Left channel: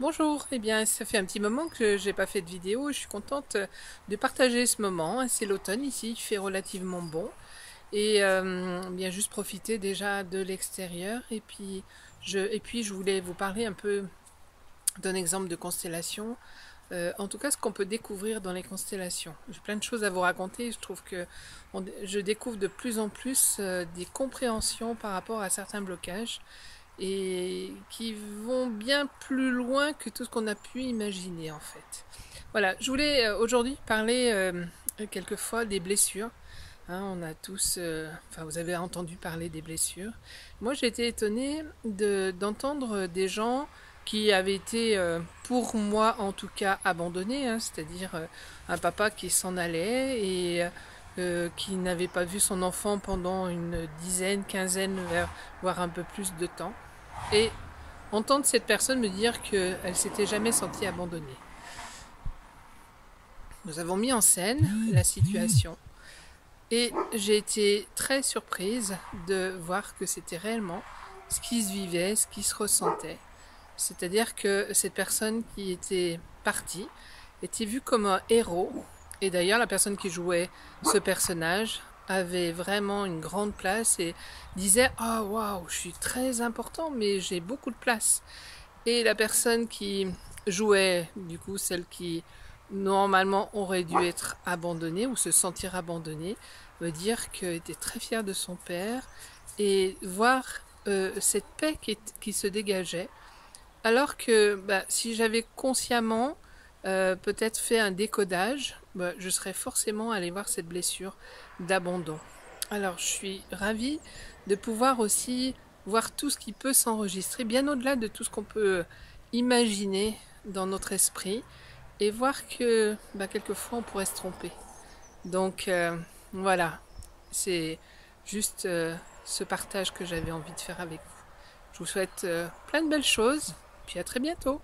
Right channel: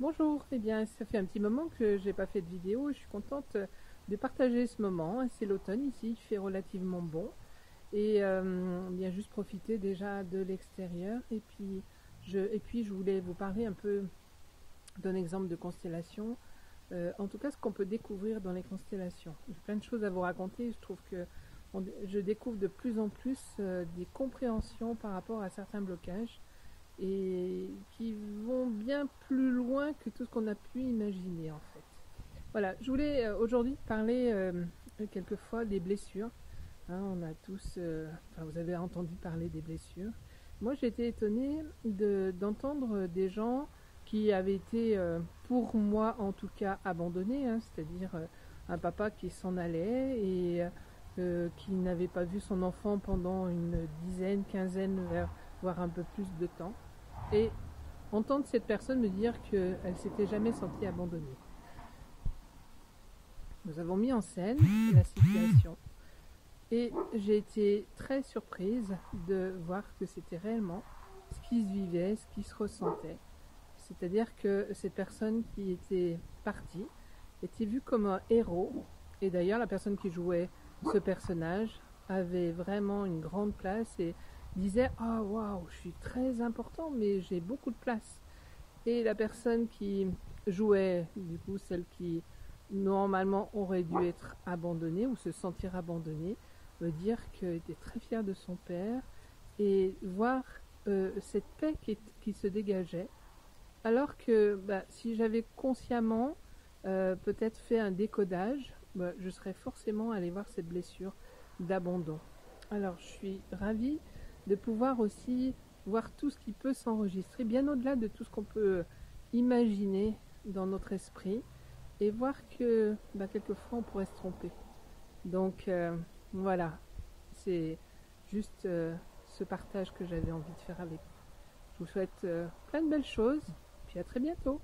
Bonjour, eh bien ça fait un petit moment que j'ai pas fait de vidéo et je suis contente de partager ce moment. C'est l'automne ici, il fait relativement bon et bien juste profiter déjà de l'extérieur et puis je voulais vous parler un peu d'un exemple de constellation. En tout cas, ce qu'on peut découvrir dans les constellations. J'ai plein de choses à vous raconter. Je trouve que je découvre de plus en plus des compréhensions par rapport à certains blocages et qui vont bien plus loin que tout ce qu'on a pu imaginer en fait. Voilà, je voulais aujourd'hui parler quelquefois des blessures. On a tous, enfin vous avez entendu parler des blessures. Moi j'ai été étonnée d'entendre des gens qui avaient été, pour moi en tout cas, abandonnés, c'est-à-dire un papa qui s'en allait et qui n'avait pas vu son enfant pendant une dizaine, quinzaine, voire un peu plus de temps. Et entendre cette personne me dire qu'elle s'était jamais sentie abandonnée. Nous avons mis en scène la situation et j'ai été très surprise de voir que c'était réellement ce qui se vivait, ce qui se ressentait. C'est-à-dire que cette personne qui était partie était vue comme un héros. Et d'ailleurs, la personne qui jouait ce personnage avait vraiment une grande place et disait oh waouh, je suis très important, mais j'ai beaucoup de place. Et la personne qui jouait, du coup, celle qui normalement aurait dû être abandonnée ou se sentir abandonnée, veut dire qu'elle était très fière de son père et voir cette paix qui se dégageait. Alors que si j'avais consciemment peut-être fait un décodage, je serais forcément allée voir cette blessure d'abandon. Alors je suis ravie de pouvoir aussi voir tout ce qui peut s'enregistrer, bien au-delà de tout ce qu'on peut imaginer dans notre esprit, et voir que quelquefois on pourrait se tromper. Donc voilà, c'est juste ce partage que j'avais envie de faire avec vous. Je vous souhaite plein de belles choses, puis à très bientôt.